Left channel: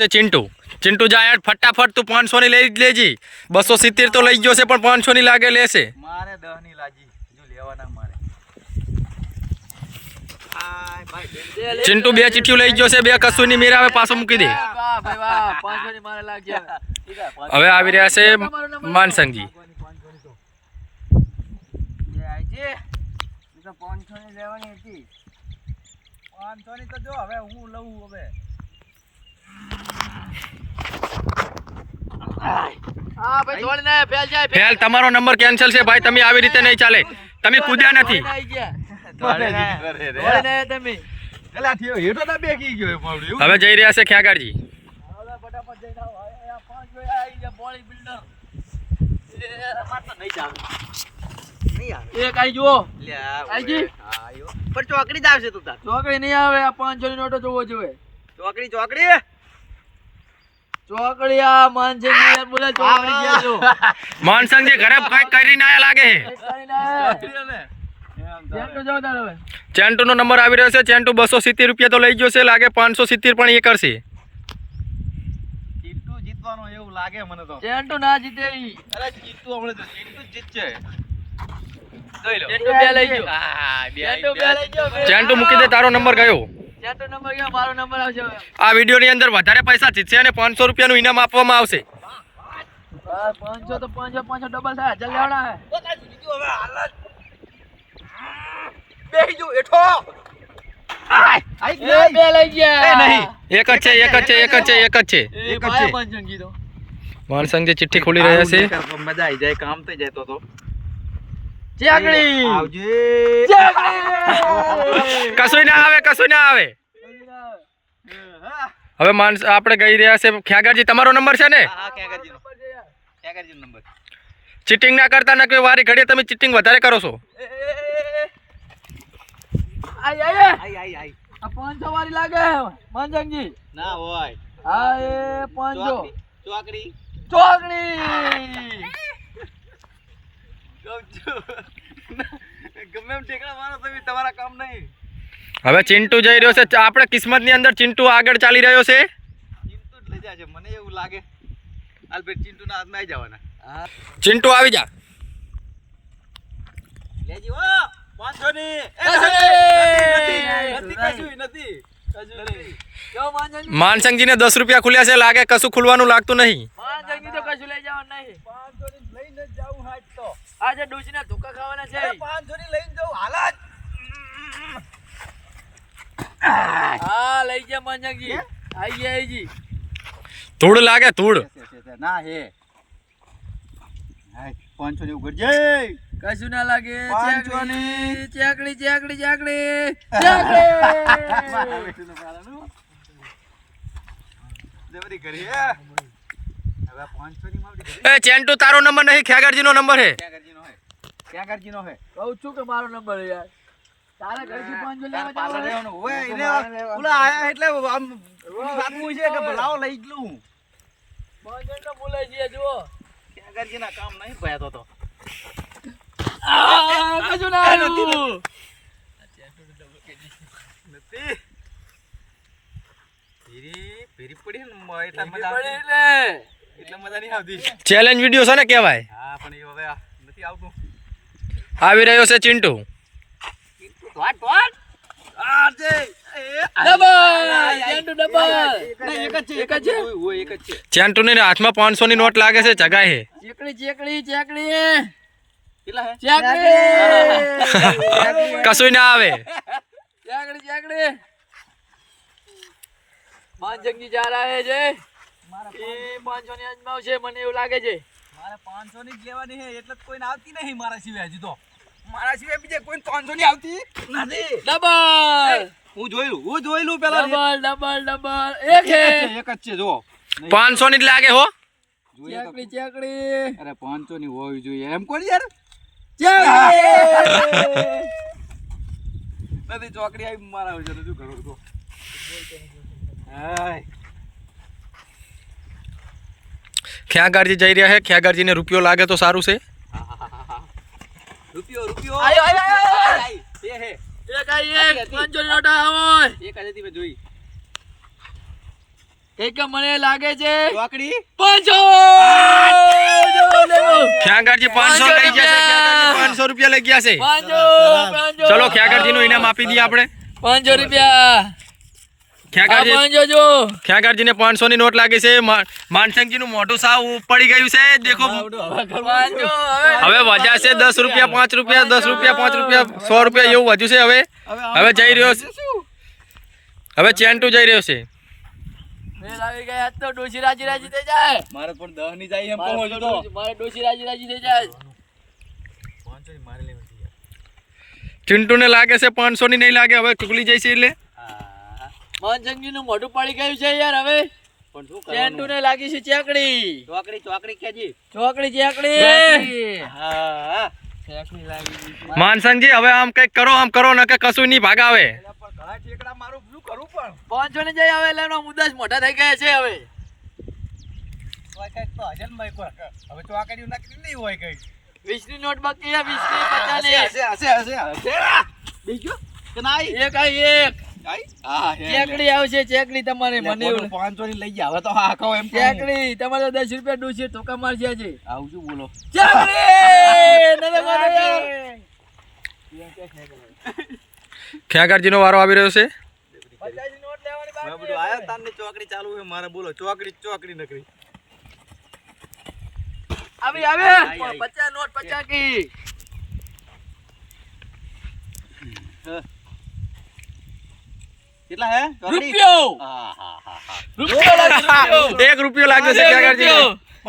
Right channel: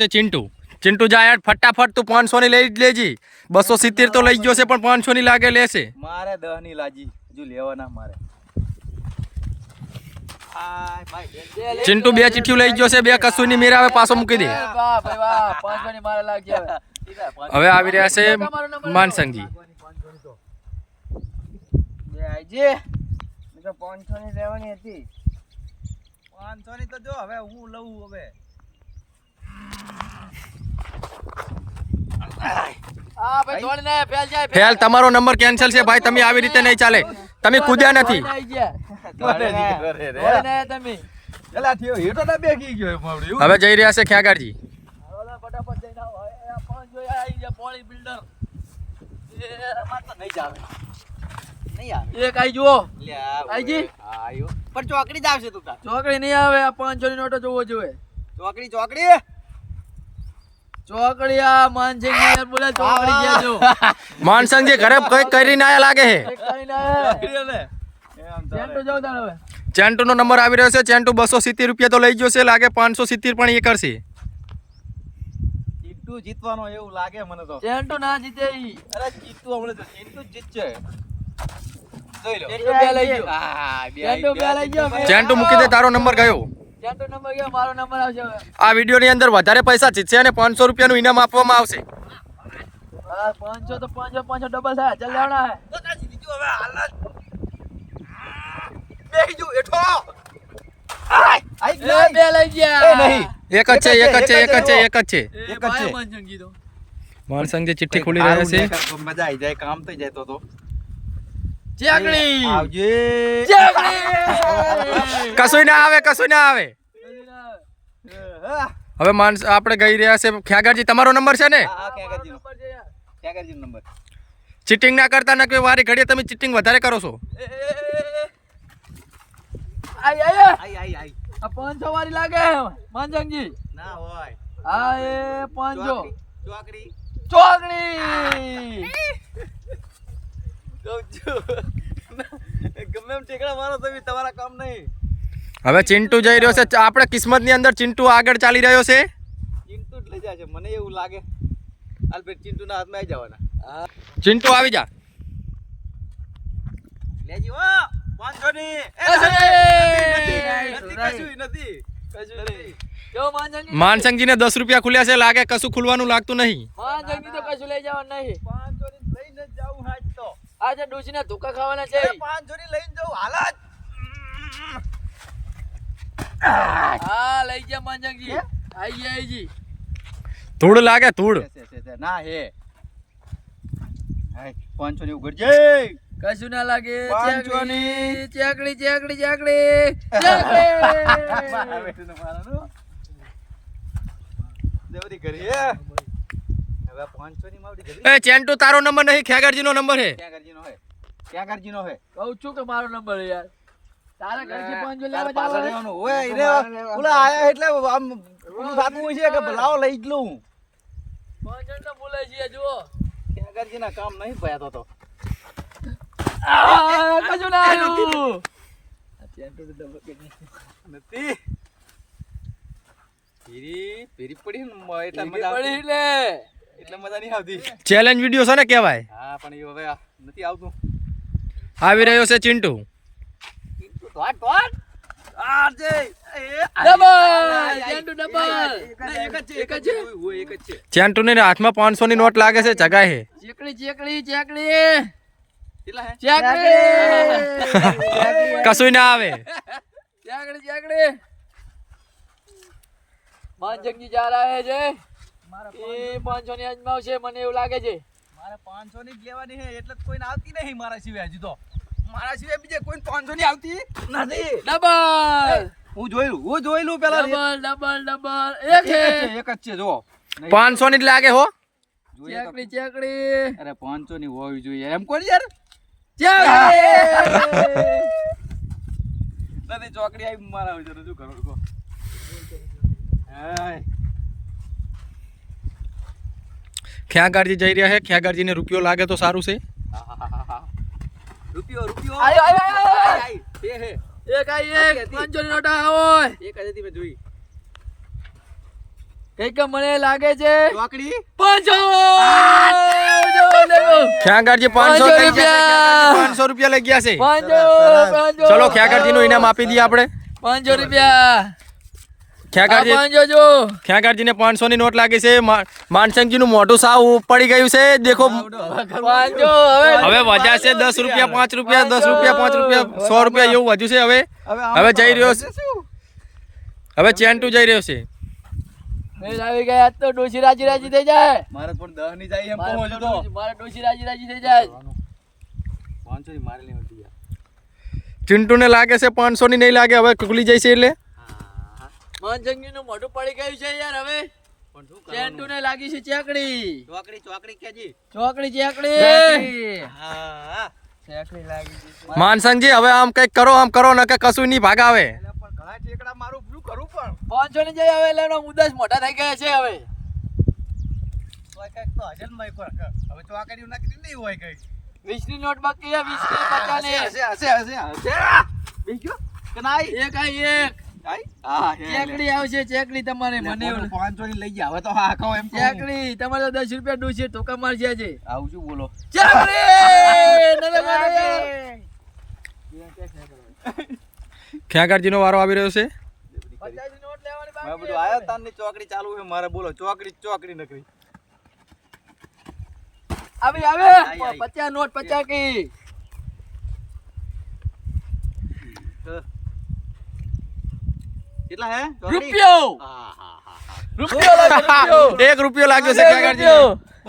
છે ચિંટુ. ચિંટુ જાય યાર ફટાફટ તું પાંચસો ની લઈ જ લેજી. બસો સિત્તેર તો લઈ ગયો છે પણ પાંચસો ની લાગે લેશે. મારે દહની લાજી હજુ લેવાના મારે. આય ભાઈ, બેન. ચિંટુ બે ચીઠિયું લઈ ગયો છે બે કશું ની મેરા હવે પાછો મૂકી દે. વાહ ભાઈ વાહ પાંચસો ની મારે લાગશે હવે. ઠીક છે, પાંચ- હવે આવી રહ્યા છે માનસંગજી જે આઈજી. હું તો પાંચસો ની લેવાની હતી. પાંચસો ની તો જો હવે હું લઉં હવે. હા ભાઈ દોડી ને ફેલ તમારો નંબર કેન્સલ છે ભાઈ તમે આવી રીતે નહીં ચાલે. તમે કૂદ્યા નથી? હવે જઈ રહ્યા છે ખ્યાગારજી ચોકડી જ આવશે તું તાર. ચોકડી નહીં આવે પાંચ પાંચસો ની નોટો જોવો જોઈએ. ચોકડી ચોકડી? ચોકડી માનસિંગ યાર બોલે ચોકડી ગયા જો માનસંગજી ઘરે કઈ કરીને આયા લાગે છે. ચેન્ટુ નો નંબર આવી રહ્યો છે ચેન્ટુ બસો સિત્તેર રૂપિયા તો લઈ ગયો છે લાગે પાંચસો સિત્તેર પણ એ કરશે. જીતવાનો એવું લાગે મને તો. ચેન્ટુ ના જીતે અરે ચીંટુ હમણાં તો ચીંટુ જીતશે. જોઈ લો ચેન્ટુ બે લઈ ગયો. હા, બે ચેન્ટુ બે લઈ ગયો બે. ચેન્ટુ મૂકી દે તારો નંબર ગયો. ચેન્ટુ વીડિયો ની મારો નંબર આવશે હવે. આ વિડીયોની અંદર વધારે પૈસા જીતશે અને પાંચસો રૂપિયાનું ઇનામ આપવામાં આવશે. પાંચસો તો પાંચસો પાંચસો ડબલ થાય. ચાલ લેવાના જ. જો, જ. એક જ છે એક જ છે એક જ છે એક જ છે. એક જ છે. પંચંગી તો ચિઠ્ઠી ખોલી રહ્યા છે. મજા આવી જાય કામ થઈ જાય તો. ચેકડી આવજે. ચેકડી કશું ના આવે કશું ના આવે. હવે માનસ આપણે ગઈ રહ્યા છે ખ્યાગરજી તમારો નંબર છે ને. ચીટિંગ ના કરતા ના કોઈ વારી ઘડીએ તમે ચીટિંગ વધારે કરો છો. પાંચસો વારી લાગે. માનજંગજી ના હોય. હા એ પાંચસો ચોકડી. ચોકડી. કહું છું. ગમે એમ ઠેકડા મારો તમે તમારા કામ નહીં. હવે ચિંટુ જઈ રહ્યો છે. આપણે કિસ્મતની અંદર ચિંટુ આગળ ચાલી રહ્યો છે. ચિંટુ જ લઈ જાય છે. મને એવું લાગે. આલ્બેટ ચિંટુના હાથમાં આવી જવાના. ચિંટુ આવી જા. લેજી હો પાંચસો ની એ, કશું નથી, નહીં. નથી, નથી, કશું નથી. જો માનજંગી માનસંગજીને દસ રૂપિયા ખુલ્યા છે. લાગે કશું ખુલવાનું લાગતું નહીં. લઈને જાઉં હાજ તો. આજે ડૂસીને ધોકા ખાવાના છે. પાંચસો ની લઈને જાઉં હાલ હા લઈ ગયા માનજંગી આઈ ગયા આઈજી ધૂળ લાગે ધૂળ. ના હે. પાંચસો ની ઉઘડજે કશું ના લાગે ચેકડી ચેકડી ચેકડી ચેકડી ચેકડી. મારા બેટુને મારાનું. જબરી કરી હે હવે આ પાંચસો ની માવડી કરી એ ચેન્ટુ તારો નંબર નહીં ખ્યાગારજીનો નંબર હે ક્યાં કરજીનો હે ક્યાં કરજીનો હે કહું છું કે મારો નંબર યાર. તારે ઘરથી પાંચસો લેવા જાવ રહેવાનું. ઓય, એને ઓલા આયા એટલે આમ વાગવું છે કે લાવો લઈ જ લઉં. પાંચસો તો બોલે છે જો ક્યાં કરજીના કામ નહીં ભયા તો તો. આ, કશું ના આવ્યું. નથી. ફેરી ફેરી પડી ને મજા પડી એટલે. એટલે મજા નહીં આવતી. ચેલેન્જ વિડિયો છે ને કહેવાય. હા પણ એ હવે નથી આવતું. આવી રહ્યો છે ચિંટુ. ટોટ ટોટ આ છે એ ડબલ. ચેન્ડુ ડબલ એક જ છે એક જ છે. હોય એક જ છે. ચેન્ટુને હાથમાં પાંચસો ની નોટ લાગે છે ચેકડી હે? કશું ના આવે. ચેકડી જા રહા છે એ પાંચસો ની અજમાવશે મને એવું લાગે છે. મારે પાંચસો ની જ લેવાની છે એટલે જ કોઈને આવતી નહીં મારા સિવાય હજુ તો. મારા સિવાય બીજે કોઈ પાંચસો ની આવતી નથી. ડબલ! હું જોયેલું હું જોયેલું પેલા ડબલ ડબલ ડબલ. એક છે. એક જ છે જો પાંચસો ની જ લાગે હો. તો ચેકડી ચેકડી. અરે પાંચસો ની હોવી જોઈએ. એમ કોણ યાર? ચેકડી. નથી ચોકડી આવી મારા શું કરું હાય. ખ્યાગારજી જઈ રહ્યા છે ખ્યાગારજીને રૂપિયો લાગે તો સારું છે? રૂપિયો રૂપિયો. આય, આય, આય, આય, આય. આય, બે હે. એક પાંચસો જોઈ. મને લાગે છે ચોકડી? પાંચસો. ખ્યાગારજી પાંચસો લઈ ગયા પાંચસો રૂપિયા લઈ ગયા છે? ચલો ખ્યાગારજી નું ઇનામ આપી દઈએ આપણે? પાંચસો રૂપિયા. આ ખ્યાગારજી પાંચસો ની નોટ લાગે છે? મા- માનસિંહજી નું મોઢું સાવ પડી ગયું છે. દેખો. હવે વધ્યા છે દસ રૂપિયા પાંચ રૂપિયા દસ રૂપિયા પાંચ રૂપિયા સો રૂપિયા એવું વધ્યું છે હવે. હવે જઈ રહ્યો છે. હવે ચેન્ટુ જઈ રહ્યો છે. આવી ગયા તો ડોશી રાજી રાજી થઈ જાય. મારે પણ દહની જાય એમ મારે કહો છો તો. ડોશી- મારે ડોશી રાજી રાજી થઈ જાય. પાંચસો ની મારી લેવાની યાર ચિંટુ ને લાગે છે પાંચસો ની નહીં લાગે હવે ખુલી જાય છે એટલે. માનસંગી નું મોઢું પડી ગયું છે યાર હવે. પણ શું ચેન્ટુ ને લાગી છે ચેકડી. ચોકડી ચોકડી કેજી ચોકડી ચેકડી. હા. ચેકડી લાગી ગઈ માનસંગજી હવે આમ કંઈક કરો આમ કરો ને કે કશું નહીં ભાગાવે. ઘણા ચેકડા મારું શું કરું પણ? પાંચસો ને જઈ હવે એટલે જ મોટા થઈ ગયા છે હવે. તો કંઈક તો હજનમાં એક વાર કર. હવે ચોકડી નાખી નહીં હોય કઈ. ની નોટ બાકી ની હશે હશે હશે હશે. બીજો? કે ના એક. ચેકડી આવશે ચેકડી તમારે મને. પાંચસો ની લઈ જાવ તો હા કહો એમ ચેકડી તમારે દસ રૂપિયા ડૂસી ટોકા મારશે છે આવું શું બોલો? ચેકડી! નો વારો આવી રહ્યો છે? છે. ચોકડી ચાલુ છે મારે બોલો ચોકડી ચોકડી નકરી. આવી આવે! પચાસ નોટ પચાસ કી! કેટલા હે? રૂપિયો! હા હા હા. હા રૂપિયો. એક રૂપિયો લાગ્યો છે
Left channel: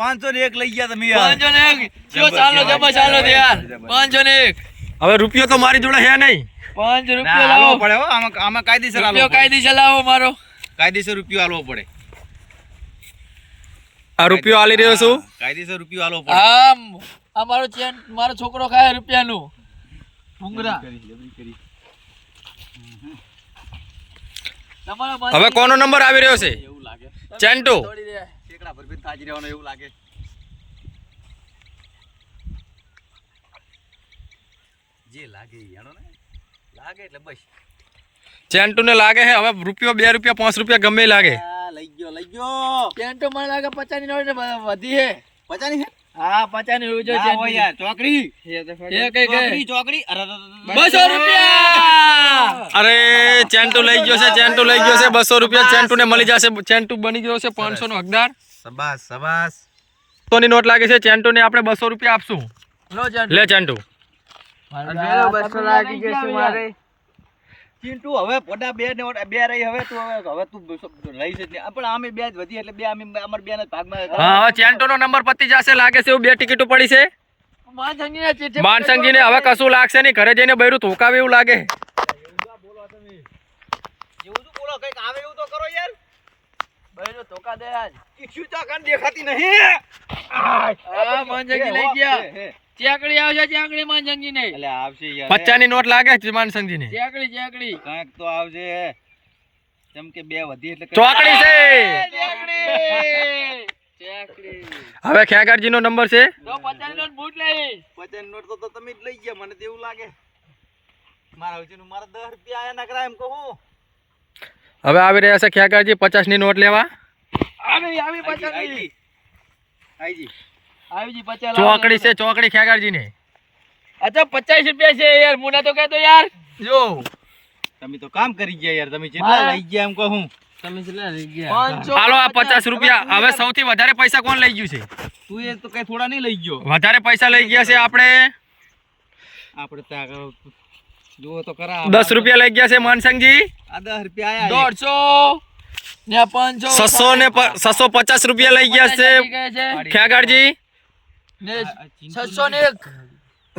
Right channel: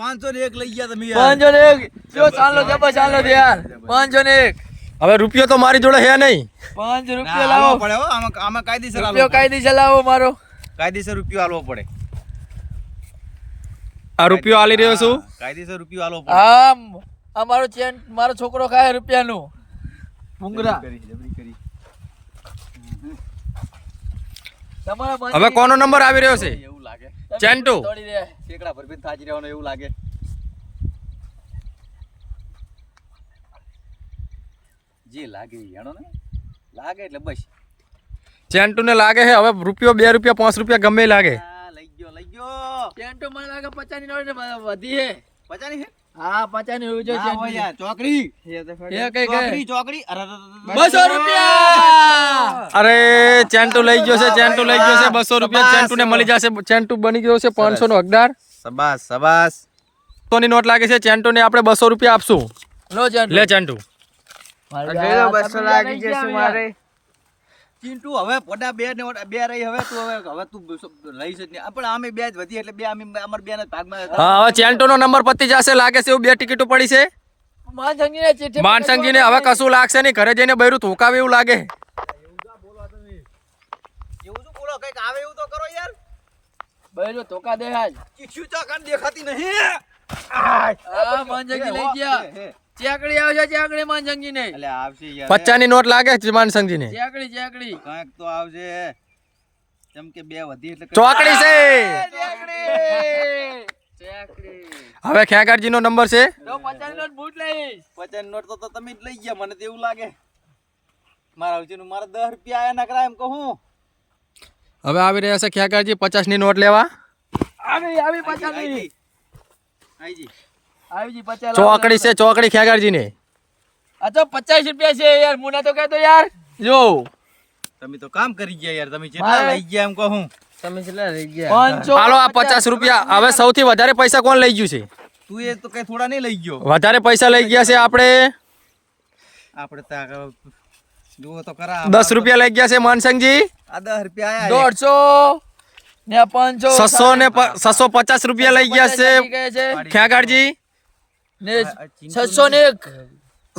પાંચસો ને એક લઈ ગયા તમે પાંચસો ને એક. જો ચાલો જબા ચાલો યાર. પાંચસો ને એક. હવે રૂપિયો તો મારી જોડે હે નહીં. પાંચ રૂપિયો હાલવો લાવો. પડે હો આમાં આમાં કાયદેસર રૂપિયો કાયદેસર લાવો મારો. કાયદેસર રૂપિયો હાલવો પડે. આ રૂપિયો આલી રહ્યો છું. કાયદેસર રૂપિયો આલવો પડે. આમ આ મારો ચેન મારો છોકરો ખાય રૂપિયાનું. ભૂંગરા. કરી, કરી. હવે કોનો નંબર આવી રહ્યો છે? એવું લાગે. ચેન્ટુ. પર બી થાકી રહેવાનું એવું લાગે. જે લાગે એનો ને? લાગે એટલે બસ. ચેન્ટુ ને લાગે છે હવે રૂપિયો બે રૂપિયા પાંચ રૂપિયા ગમે લાગે. લઈ ગયો લઈ ગયો. ચેન્ટુ મને લાગે પચાસની નોટ વધી હે પચાની હે ચોકડી. એ કઈ કઈ? ચોકડી અરે, રૂપિયા! અરે ચેન્ટુ લઈ ગયો છે ચેન્ટુ લઈ ગયો છે બસો રૂપિયા ચેન્ટુ ને મળી જશે ચેન્ટુ બની ગયો છે પાંચસો નો હકદાર. સબાસ સબાસ. ની નોટ લાગે છે ચેન્ટુ ને આપણે બસો રૂપિયા આપશું. લે ચેન્ટુ. બસો લાગી જશે મારે. ચિંટુ હવે પોડા બે ને બે રહી હવે તું હવે હવે તું લઈ છે જ નહીં. પણ અમે બે જ વધી એટલે બે અમે અમાર બે ના ભાગમાં. હા હવે ચેન્ટુ નો નંબર પતી જશે લાગે છે એવું બે ટિકિટો પડી છે. માનસંગી ને માનસંગજી ને હવે કશું લાગશે નહીં ઘરે જઈને બૈરું ધોકાવે એવું લાગે. એવું શું બોલો કંઈક આવે એવું તો કરો યાર. બૈરો ધોકા દે આજ. ઈચ્છું તો કાન દેખાતી નહીં? આ માનસંગી લઈ ગયા. ચેકડી આવશે ચેકડી માનસંગી ને એટલે આવશે યાર પચાસની નોટ લાગે છે માનસંગજી ને ચેકડી ચેકડી. કાંઈક તો આવશે. જેમ કે બે વધી એટલે ચોકડી છે. ચેકડી ચેકડી. હવે ખ્યાગારજી નો નંબર છે. તો પચાસ નોટ બૂટ લઈશ. પચાસ નોટ તો તમે જ લઈ ગયા મને તો એવું લાગે. મારા આવશે મારા દસ રૂપિયા આયા નકરા એમ કહું હવે આવી રહ્યા છે ખ્યાગારજી પચાસની નોટ લેવા. આવી આવી પચાસ આઈજી. આઈજી. આવી પચાસ ચોકડી છે ચોકડી ખેગાડજી ને અચ્છા પચાસ રૂપિયા છે યાર મુના તો કહેતો યાર. જો તમે તો કામ કરી ગયા યાર તમે કેટલા લઈ ગયા એમ કહું તમે કેટલા લઈ ગયા. હાલો આ પચાસ રૂપિયા. હવે સૌથી વધારે પૈસા કોણ લઈ ગયું છે? તું એ તો કઈ થોડા નહીં લઈ ગયો. વધારે પૈસા લઈ ગયા છે આપણે? આપણે ત્યાં જુઓ તો ખરા દસ રૂપિયા લઈ ગયા છે માનસંગજી? આ દસ રૂપિયા આયા દોઢસો ને પાંચસો છસો ને છસો પચાસ રૂપિયા લઈ ગયા છે. ખ્યાગારજી ને છસો ને એક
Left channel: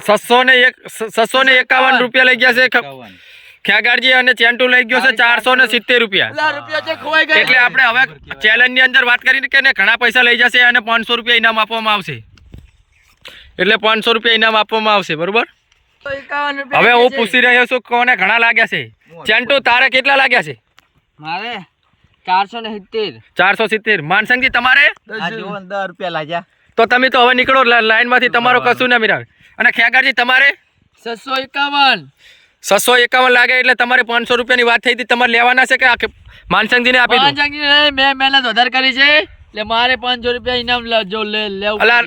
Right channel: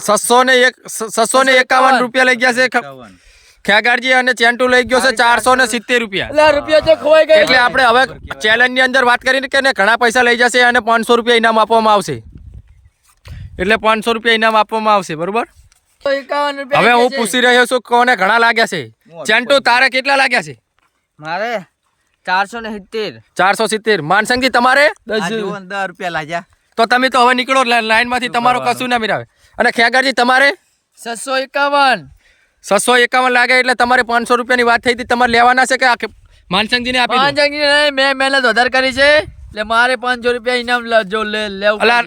છસો ને એક છસો ને એકાવન રૂપિયા લઈ ગયા છે ખ- એકાવન. અને ચેન્ટુ લઈ ગયો છે ચારસો ને સિત્તેર રૂપિયા. એટલે આપણે હવે ચેલેન્જની અંદર વાત કરીને કે ને ઘણા પૈસા લઈ જશે અને પાંચસો રૂપિયા ઇનામ આપવામાં આવશે. એટલે પાંચસો રૂપિયા ઇનામ આપવામાં આવશે બરોબર? હવે હું પૂછી રહ્યો છું કોને ઘણા લાગ્યા છે. ચેન્ટુ તારે કેટલા લાગ્યા છે? મારે ચારસો ને સિત્તેર. ચારસો સિત્તેર. માનસંગજી તમારે? દસ રૂપિયા લાગ્યા. તો તમે તો હવે નીકળો લાઈનમાંથી તમારો કશું ના મિરાવે. અને ખ્યાગારજી તમારે? છસો એકાવન. છસો એકાવન લાગે એટલે તમારે પાંચસો રૂપિયાની વાત થઈ હતી. તમારે લેવાના છે કે આ માનસંગજીને આપી માનસંગજી નહીં મેં મહેનત વધારે કરી છે. એટલે મારે પાંચસો રૂપિયા ઇનામ લ- જો લે લેવું અલા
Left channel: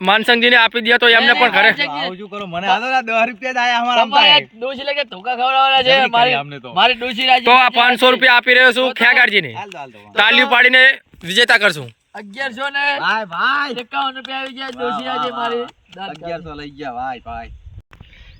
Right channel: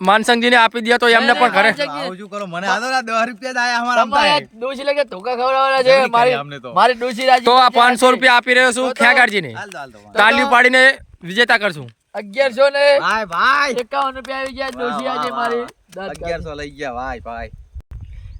માનસંગજીને આપી દે તો એમને પણ ઘરે પાંચ અંગી- આવું શું કરો? મને આ ના દસ રૂપિયા જ આયા અમારા આમતા ડોશી લગે ધોકા ખવડાવવાના છે. મારી મારી ડોશી રાજી તો આ રાજી પાંચસો રાજી. રૂપિયા આપી રહ્યો છું ખેગારજીને હાલ દો, હાલ દો. તાલીઓ પાડીને વિજેતા કરશું. અગિયારસો ને ભાઈ ભાઈ. એકાવન રૂપિયા આવી ગયા ડોશી રાજી મારી. અગિયારસો લઈ ગયા ભાઈ ભાઈ.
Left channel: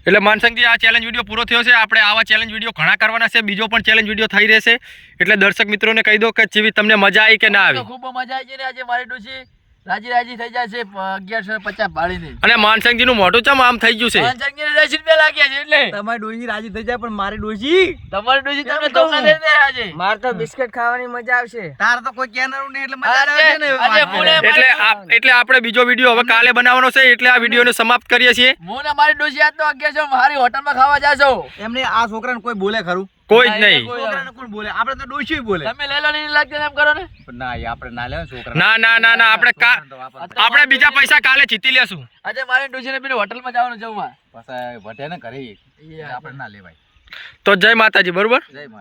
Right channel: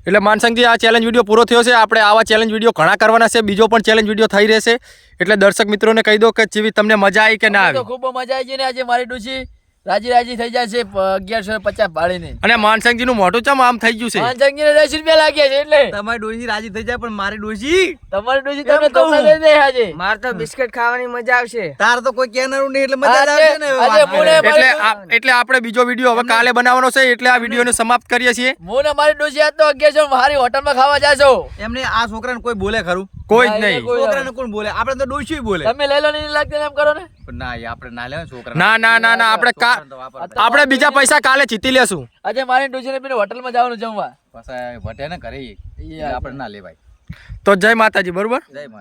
એટલે માનસંગજી આ ચેલેન્જ વીડિયો પૂરો થયો છે. આપણે આવા ચેલેન્જ વીડિયો ઘણા કરવાના છે. બીજો પણ ચેલેન્જ વીડિયો થઈ રહેશે. એટલે દર્શક મિત્રોને કહી દો કે જેવી તમને મજા આવી કે ના તો આવી. ખૂબ મજા આવી છે ને આજે મારી ડોશી. રાજી રાજી થઈ જાય છે અગિયારસો ને પચાસ ભાડીને અને માનસંગજીનું મોટું ચમ આમ થઈ ગયું છે? માનસંગજી ને દસ રૂપિયા લાગ્યા છે એટલે. તમારી ડોશી રાજી થઈ જાય પણ મારી ડોશી તમારી ડોશી તમે દે આજે. માર તો બિસ્કટ ખાવાની મજા આવશે. તાર તો કોઈ કેનારું નહીં એટલે મજા આવે ને. એટલે એટલે આપણે બીજો વીડિયો હવે કાલે બનાવવાનો છે એટલે આ વિડીયોને સમાપ્ત કરીએ છીએ. હું ને મારી ડોશી આજ તો અગિયારસો મારી હોટલમાં ખાવા જાશો. એમને આ છોકરાને કોઈ બોલે ખરું. કોઈ જ નહીં. છોકરાને કોણ બોલે? આપણે તો ડોશી બોલે. તમે લઈ લો નહીં લાગતું એમ કરો ને. પણ ના આપણે ના લેવા છોકરા ના ના ના ના આપણે આપણે બીજા પૈસા કાલે જીતી લેશું. આજે મારી ડોશીને ને પેલી હોટલમાં જવાનું જમવા. પાછા વટે ને ઘરે એટલે આપણે ના લેવાય. તો જય માતાજી બરોબર? જય માતા